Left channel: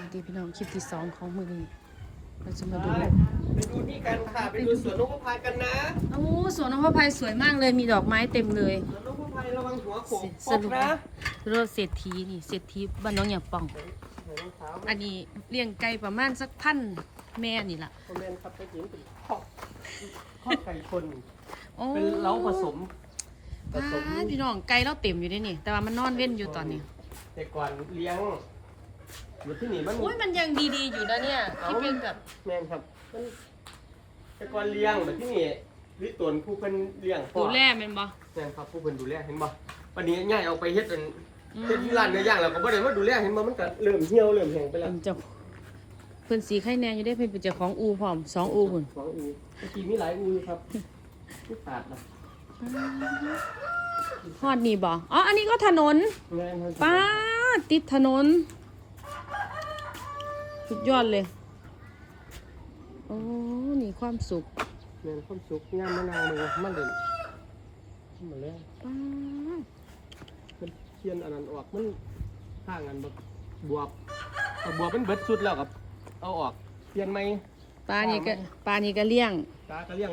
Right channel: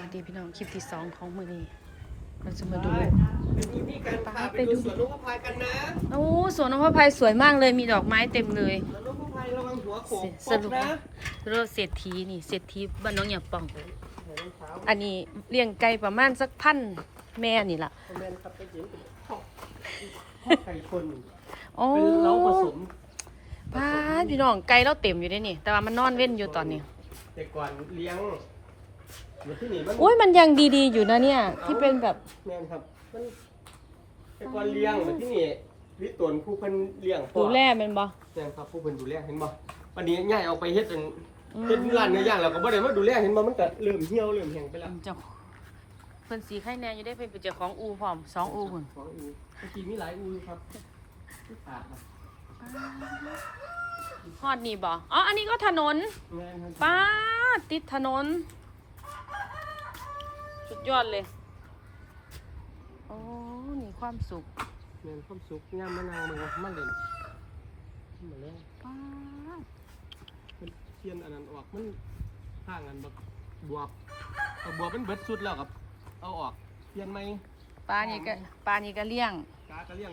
วัสดีพี่น้องคลิปที่สองของมือนี้เราจะมาดูไปดูนี่กันค่ะไปดูสวนนกพายกันนะโอ้สวนน้องพระพายสวยมากเลยมีดอกไม้เต็มเลยสวนนกพายระวังหัวโขกสปกรุปนะรถเศรษฐีนี่เศรษฐีบ้านน้องอย่าป่องใส่รองเท้าอันนี้เลี้ยงไก่ประมาณสักพันแม่นี่ล่ะคอมเมนต์ครับไปเห็นเป็นข้อข้อไก่ชนโอ้เป็นเล้าผสมผพาสมดพี่น้องไก่เราเต็มอยู่ได้นี่ แต่ว่ามันนอนเว้นอยู่ตอนนี้ แต่ก่อนเลี้ยง อยู่ที่นี่มันโอ้ยมันยังดีๆอยู่นะเนี่ย ที่เป็นแบบแม่นครับ มันแต่ก่อนเลี้ยงแบบที่นี่วิตวนผู้เพิ่นเลี้ยงพ่อดูแลแมันบ่แม่นครับผู้เพิ่นดูแลเห็นบ่วันนี้ง่ายเอาไปเฮ็ดเป็นอืมเฮ็ดร้านเนื้อย่างแล้วก็บ่ได้มาดูแลเห็นบ่มันก็เริ่มเหี่ยวเริ่มแห้งไปแล้วเจ้าเพิ่นสีไข่แน่อยู่ได้เพิ่นเป็นเจ้าของอูพร้อมสองอูพุ่นสองอูเมื่อกี้มีหลายอูอยู่ครับที่ขาดนะฮอดนี่บ่อ๋ออันนี้ก็ถนนแม่นครับป้าดติดถนน สุดยอดเลยโอ้นี่ความสุขแม่นความสุขย่ามมะนาวมือมันเล่นมาแล้วป้าดมันเทียนอันนั้นออกมันทางอันแบบบวบเอาบวบมันเบิดสุดแล้วครับ เอาออกเปลี่ยนไหมปลานี่ก็ปลานี่ก็เลี้ยงกากระเลี้ยง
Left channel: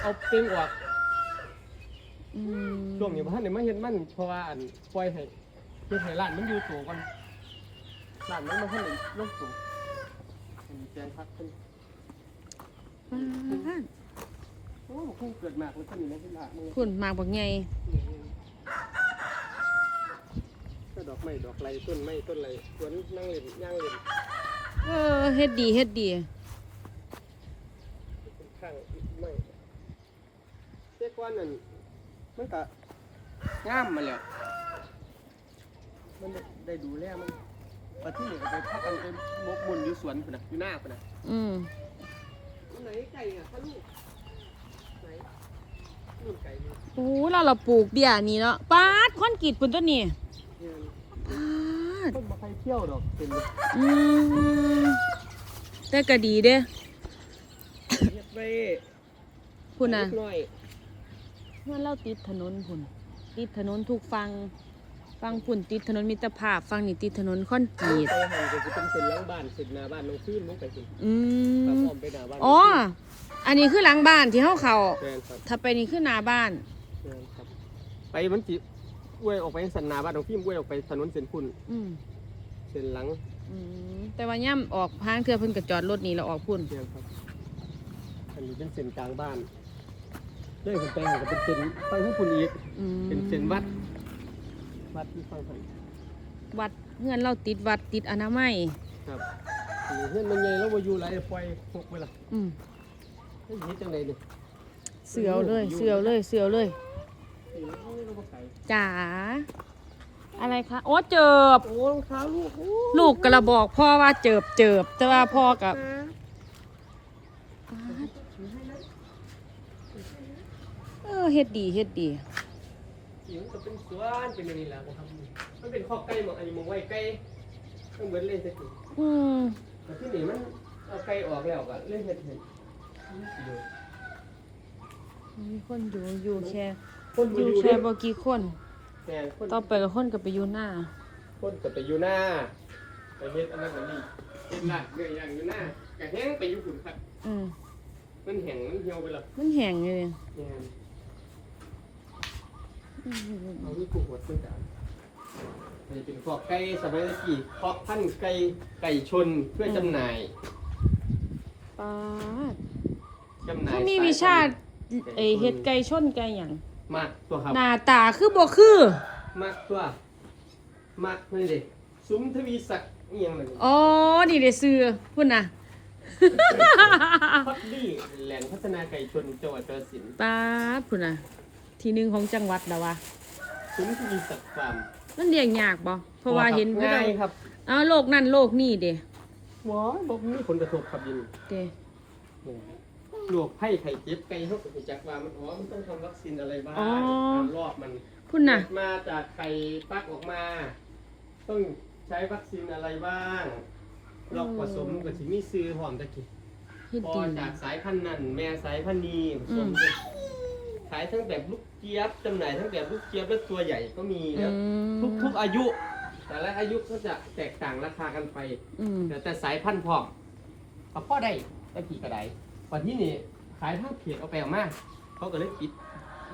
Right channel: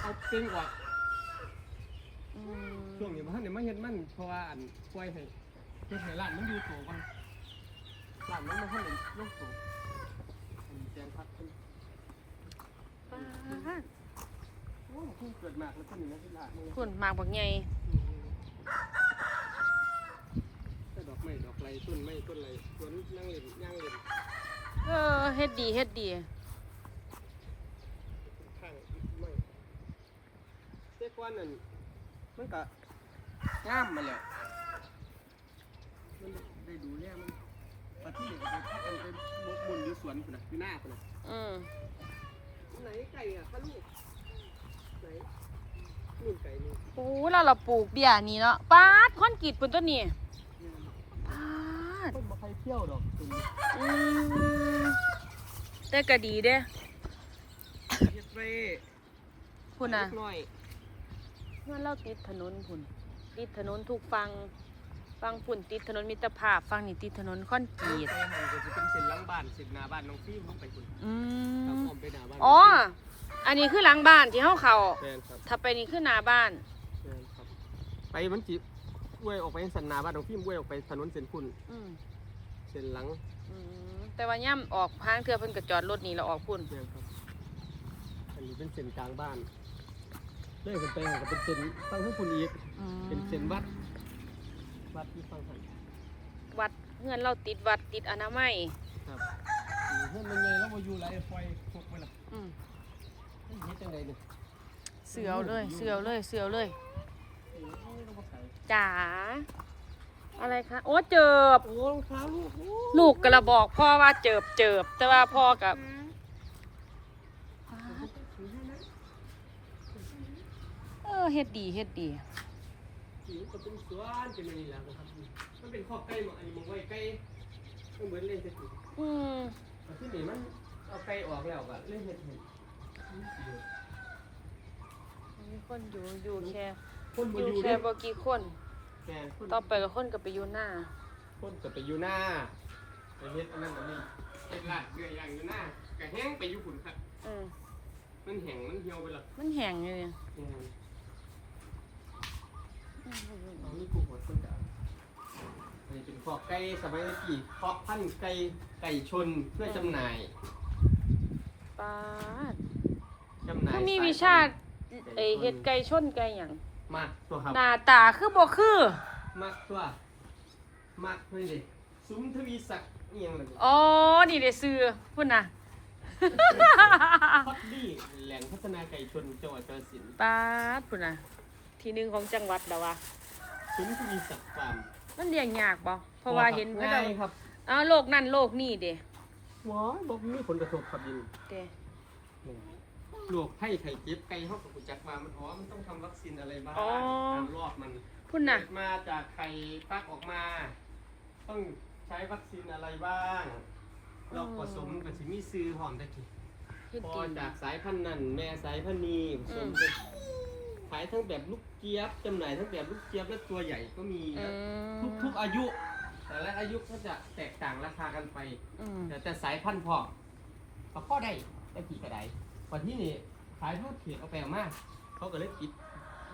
เอาเต็งออกอืมช่วงนี้พ่ท่านเนี่ยมาเห็นมันเพราะว่าอันปล่อยให้เฮ็ดให้ร้านมันอยู่ตัวก่อน ร้านมันมาท่านเลยลงตัวอันนี้แจงพักเป็นป้าดโอ้คงเกิดมากแล้วท่านนี่นะที่ร้านมึงคุณมากบักใหญ่ก็ดอกไม้ดอกไรต้นไม้ต้นไรสวนนั่งเล่นย่างเล่นเออเฮ็ดดีเฮ็ดดีข้างไม่เจ้าก้อนนั่นมันก็งามมาแล้วมันได้ได้ดูแลมัน ปที่นี่ก็ไปพักกันไปบกบนอยู่สวนพุ่นนะอยู่หน้าพุ่นนะอืมไหนไก่อะพ่อลูกไหนลูกไก่เนี่ยโอ้เราเราปลูกเบี้ยนี่เนาะป้าดคอนกรีตปุ่นตัวนี้เนี่ยป้าดคนมาใครเที่ยวดอกเป็นอืมแต่ก็ดีเด้เฮ็ดไว้คุณน่ะเล็กน้อย เมื่อเราติดถนนคุณติดถนนทุกฟัง ฟังคุณติดถนนมิตรภาพฟังนี่ติดถนนคอนกรีตไปหันก็จะเป็นเส้นหล้างบ้านเส้นหน้าบ้านน้องฟิล์มน้องไก่สิอืตามมอ้อมไปหน้าบ้านอ๋อ อันนี้คือหลังบ้านที่เฮาเขา แม่นครับถ้าไปนี่คือหน้าบ้าน แม่นครับ ไปมันจิอวยออกไปสันหนาบ้านน้องฟิล์มอวยออกไปถนนเส้นพุ่นอืมเส้นหลังอืมแต่ว่าย่ำออกทางเทือเพิ่นก็จอดรถนี่แล้วออกพุ่นเดียวครับ อันนี้เป็นเส้นกลางบ้านเลยผมไปหันก็เป็นเส้นฟังทั้งพุ่นอีก อืมเป็นเส้นวัด วัดที่ฟังหันวัดเพื่อนเราติดวัดติดอนามัยครับอันนี้เพื่อนมันใหญ่แล้วว่าอยู่ไรปล่อยพกไปละอืมให้เฮ็ดจังไดเนี่ยเสือเอาเลยเสือเอาเลยเสือเอาเลยโอ้ยเราบ่ไก่จ๋าอะไรคะโอ้เจิบโอ้รองเท้าลูกโอ้ลูกกระบอกพ่อว่าเจิบเจิบแต่ว่าพ่อกับเออเฮ็ดดีเฮ็ดดี เสียงก็เป็นสวนเป็นอย่างนี้แหละครับมันเป็นข้อไก่หมองอันนี้หมองไว้ไก่ต้องเบิดเลยสักทีอืมแต่ที่นี่มันเอาไก่ออกแล้วก็เล่นเห็ดเห็ดมีคนอยู่อยู่แค่คนบ่ออยู่ยู่แค่เด้บ่กี่คน แกคนต่อไปกับคนกับไปอยู่หน้า คนก็ไปอยู่หน้าไปเฮ็ดอันนั้นอันนี้เฮ็ดลาดเนื้อย่างอยู่หน้าก็แห้งไปอยู่ฝุ่นครับ อืมมันแห้งมันเหี่ยวไปแล้วมันแห้งเลยแห้งอืม เอานี่กูหดมันก็อันนี้เป็นคอกไก่สมัยตะกี้คอกพันธุ์ไก่ไก่ชนเพื่อจำหน่ายอ่าจำหน่ายเขามีสายวิชาพันธุ์เอยเฮ็ดไก่ชนไก่หยังมากตัวครับ หน้าตาคือบ่คือมากตัวมากนี่ดิซุ้มทวีศักดิ์เอียงอะไรนี่อ๋อนี่ได้ซื้อพุ่นน่ะพัดดี้แหล่งพัฒนาไก่ชนจังหวัดกาฬสินธุ์ป้าดพุ่นน่ะ ที่หนึ่งของจังหวัดแล้ววะซุ้มทวีศักดิ์ฟาร์มมันเลี้ยงยากบ่เพราะว่าเห็นง่ายครับอ้าวโลกนั่นโลกนี่เด้ว้ายบอกมีผลกระทบครับยินเด้โรคไข้ไข้เจ็บไก่เขาก็รู้จักว่ามันอ๋อมันต้องทำวัคซีนอะไรบ้างตามรอบมันพุ่นน่ะเกิดมาจากไข่ฟักออกมา ต้องใช้วัคซีนอะไรบ้างรอบผสมกับสิมีซื้อหอมตะกี้เฮ็ดพอดีจากสายพันธุ์นั้นแม่สายพันธุ์นี้ผสมอืมกันขายทั้งแบบลูกเจี๊ยบจำหน่ายทั้งแบบลูกเจี๊ยบและตัวใหญ่ก็มีอืแล้วมทุกทุกอายุ แต่ละอายุก็จะแตกต่างราคากันไป อืมแต่แต่สายพันธุ์พร้อมเอาพ่อได้ได้กี่กระไดวันที่นี่ขายทั้งเพจเอาไปเอามาเขาก็เลยปิด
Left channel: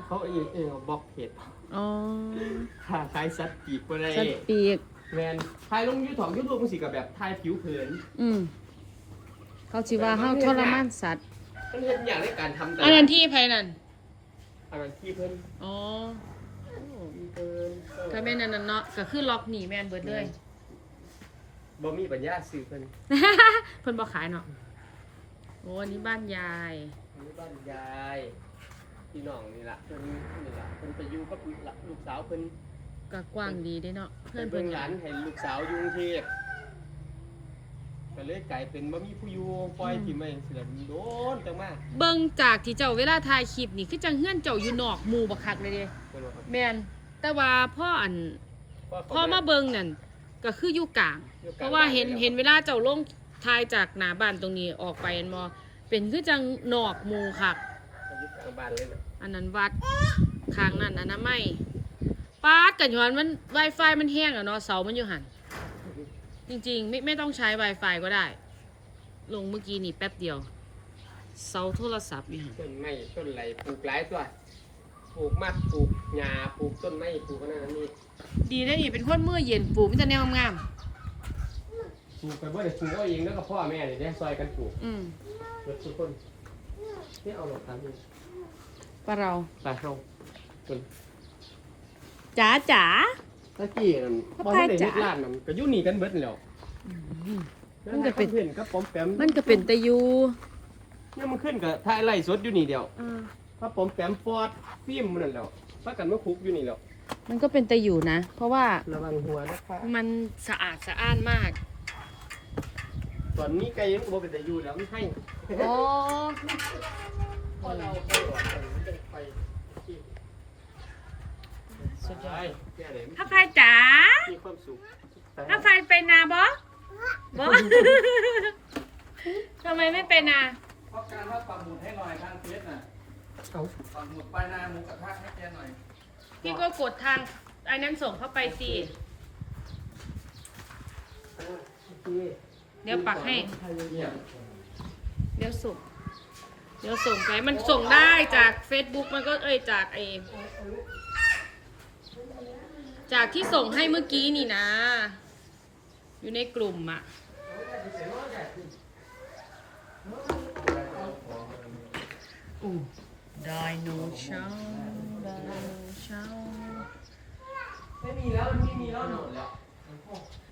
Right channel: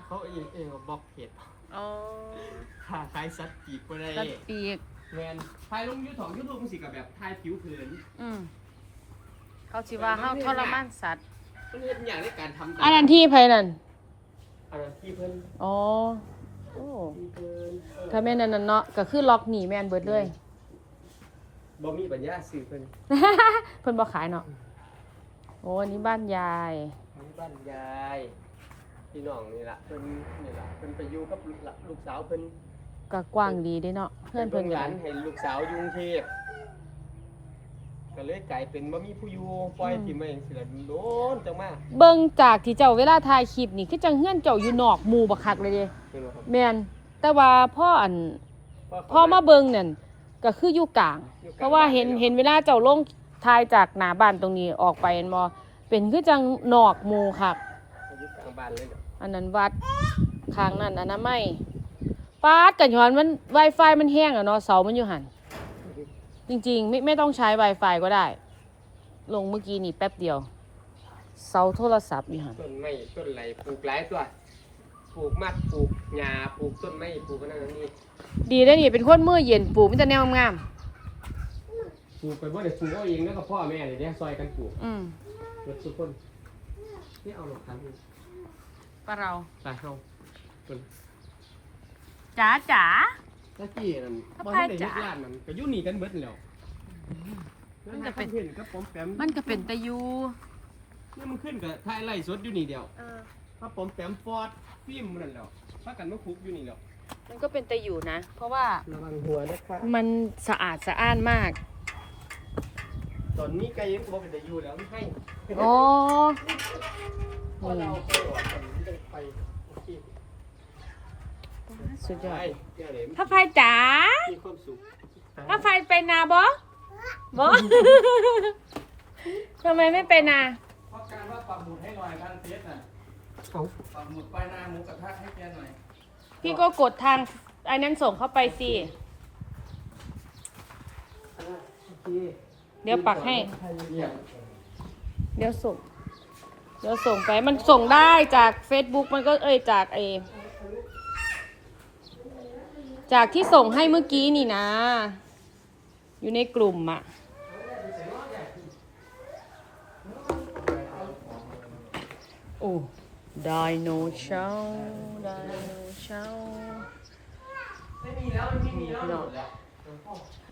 เขาเองเองเอาบล็อกเพจอ๋อขาขายสัตว์ปีกก็ได้สัตว์ปีกแมนถ่ายลงยูทูบยูทูบมันสิกับแบบถ่ายผิวเผินอืมเขาสิว่าเฮาทรมานสัตว์มันเป็นอย่างในการทำตลาดอันนั้นที่ไผนั่น อันนั้นที่เพิ่นอ๋อโอ้ที่เพิ่นเออถ้าแม่นอันนั้นเนาะก็คือล็อกหนีแม่นเบิดเลย บ่มีปัญญาซื้อเพิ่นเพิ่นบ่ขายเนาะโอ้อันนี้บ้านยาย มีบ้านยายพี่น้องนี่ล่ะเพิ่นนี่ล่ะเพิ่นไปอยู่กับลูกหลานลูกสาวเพิ่นก็กว้างดีเด้เนาะเพื่อนเพิ่นหก็ลานได้ให้ลูกสาวอยู่กรุงเทพ ก็เลยกลายเป็นบ่มีผู้อยู่ปล่อยทิ้งไว้จังซี่แหละโดนจังมาเบิ่งจากที่เจ้าเวลาถ่ายคลิปนี่คือจังเฮือนเจ้าอยู่นอกหมู่บักคักเลยเด้เพิ่นว่าครับแม่นแต่ว่าพ่ออันพ่อมาเบิ่งนั่นก็คืออยู่กลาง เพราะว่าเห็นเห็นเวลาเจ้าลงถ่ายจากหน้าบ้านตรงนี้ออกไปแม่นบ่เป็นคือจังนอกหมู่คักอยู่กลางบ้านเลยน่ะอันนั้นวัดข้างนั้นอนามัยปาดกันย้อนมัน Wi-Fi มันแห้งอะเนาะเสามันอยู่หัน จริงๆ ไม่ไม่ต้องใช้ Wi-Fi ก็ได้ ลงเมื่อกี้นี่แป๊บเดียว เสาโทรศัพท์อยู่หันต้นไม้ต้นไหลปลูกหลายตัวปลูกมากปลูกหญ้าปลูกต้นไม้ปลูกอันนั้นอันนี้ดีแล้วนี่เป็นคนมือเย็นปลูกมันจะแนวงามปลูกไปบ่ได้ปลูกเอาเองแล้วก็พ่อแม่นี่เด้ซอยกันปลูกอืมเบิดทุกคนนี่เอาหลอกทำนี่ปะเรา ไปเฮาเพิ่นจ๋าจ๋า ตะกี้นั่นบ่ทันได้เฮ็ดร้านนั่นก็อยู่นี่กันเบิดนั่นแหล้วมันก็เป็นเห็นกับปอมแปมมันก็เป็นตะยูเนี่ยมันขึ้นกับถ่ายไล่สดอยู่นี่เดียวถ้าปอมแปมฟอดฟิล์มมันนั่นแหล้วพากันมาคุกอยู่นี่แหล้วมันก็เป็นตะยูนะ เพราะว่าระวังหัวนะครับมันสะอาดสะอ้านมาก ตอนนี้ไก่ยังบ่เป็นตะอยู่แล้วมันให้โอ้ พอเรา นี่ ไป สุดยอไปดเนี่ยไหนถ้าไฟจ๋ามีความสุขถ้าไฟไปนาบอบอทำไมไม่ไปนาเพราะการว่าปักหมุดให้หน่อยทางเฟซน่ะเอาปักหมุดไปหน้าหมูกระทะให้แกหน่อยพี่ก็กดทางไอ้นั้นส่งเข้าไปสิโอเคเดี๋ยวปักให้เยี่ยมเดี๋ยวส่ง เดี๋ยวส่งไป มันส่งได้จาก Facebook มันก็เอ้ยจากไอ จากที่ส่งให้เมื่อกี้นี่นะ อยู่ในกลุ่มอะโอ้ไดโนเช้าไดโนเช้าไม่มีแล้วไม่มีแล้วหมดแล้ว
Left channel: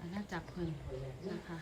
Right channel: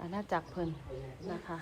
อาณาจักรเพิ่นนะคะ